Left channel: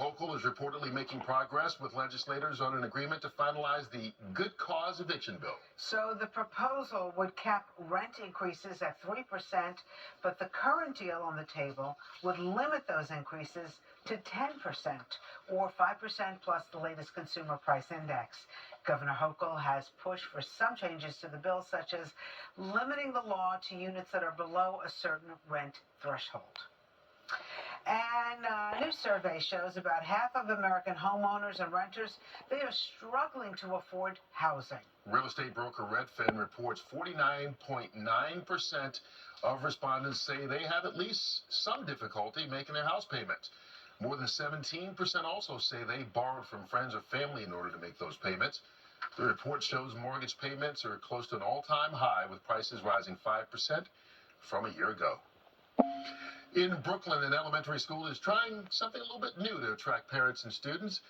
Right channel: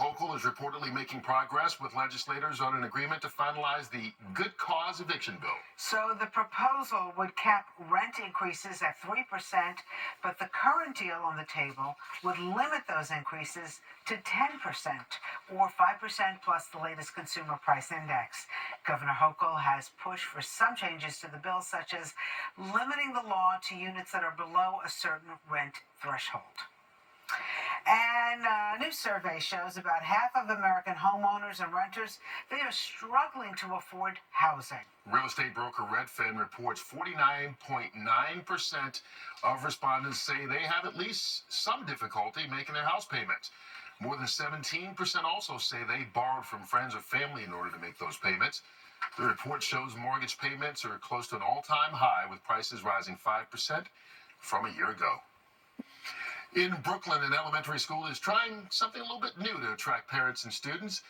Hochul is reportedly making progress with legislators on an agreement to finalize the Good Cause eviction bill. So the proposal would cap rent increases at 3%, but the current deal on the table would limit those increases to 10%, or 5% plus the latest consumer price index. Governor Hochul has pushed for some changes to the bill, such as limiting the law to units that are below a certain rent threshold. And a new survey shows about half of American homeowners and renters, they are struggling to afford housing. Real estate broker Redfin reports 49.9% of respondents say they have at least some difficulty making their house payments. More than 17% also say they borrowed from friends or family in order to make those payments. The report shows mortgage payments are close to an all-time high, with prices rising 5% from a year ago. In Brooklyn, an elementary school is trying something a little bit new to attract parents and students.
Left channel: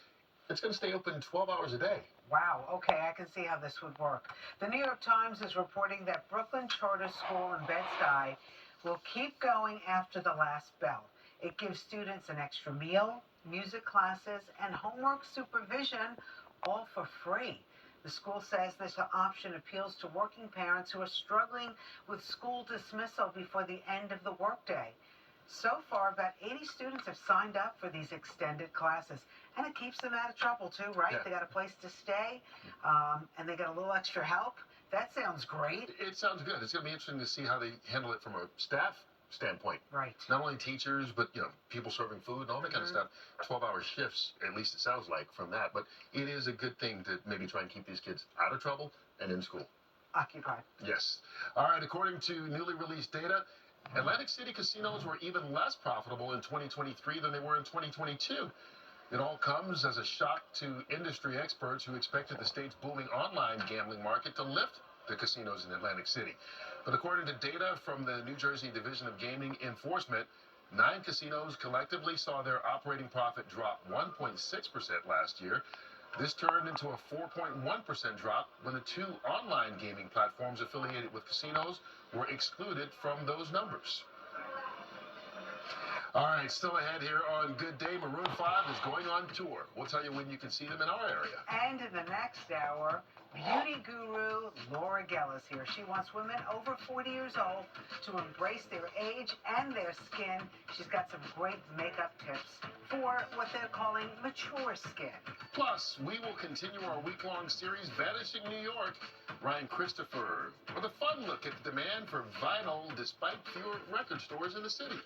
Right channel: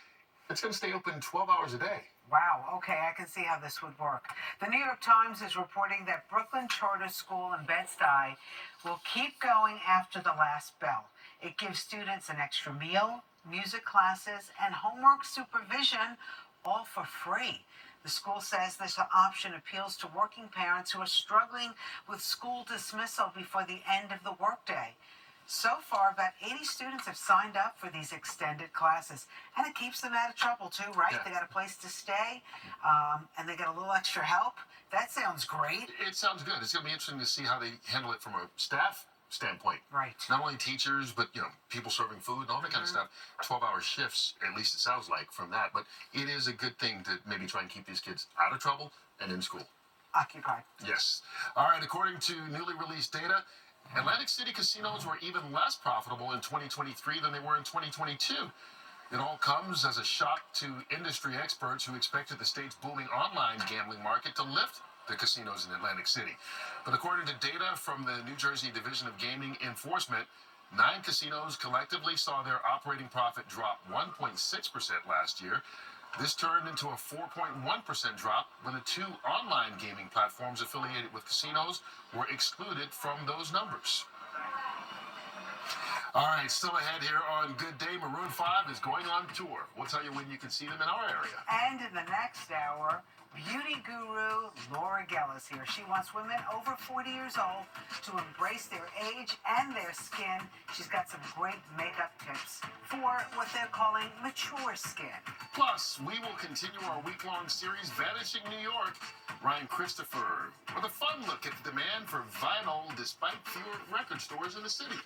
It's going to stay open 12 hours a day. Wow, okay, I can see how this would work. The New York Times is reporting that Brooklyn Charter School in Bed-Stuy will keep going after the last bell. It gives students an extra meal, music classes, and homework supervision, all for free. The school says this option appeals to working parents who are struggling with school dismissal before the end of the workday. So far, about 80 students have signed up for these extended classes, and it keeps them out of trouble too, right? Yeah. They got a place to stay, and they got a little extra help. That sounds great. It sounds good. It's going to be interesting to see how they handle it from a staff standpoint. Right. Not only teachers, but people serving food and all that kind of stuff. 12-hour shifts, at least it sounds like from that. But it is a good thing to maybe try and keep these kids out of trouble and in school. Occupied. Yes. All right. According to newly released data, Atlantic City casinos were even less profitable in 2023 than they were in 2022. It all comes as a shock to industry experts who expected the state's booming online gambling market to lift the casinos in Atlantic City. But according to data from the New Jersey Division of Gaming Enforcement, 9 casinos collectively saw their operating profit drop 1.6% last year. This turned into a 4.1% drop when the 2 online gaming platforms affiliated with casinos were excluded from those numbers. All right, still ahead here on Good Day, Maroon 5 is going on tour. We'll tell you when you can see them in our area. And in the next hour, beauty guru Laura Geller is here. She wants women over 40 years old to embrace their age and their skin. She's got some great makeup tips for what they're calling mature skin. Plus, we will continue our week-long series, Vanishing New York. Ryan Christopher with a fun look at the demand for vinyl despite fewer record stores in the city.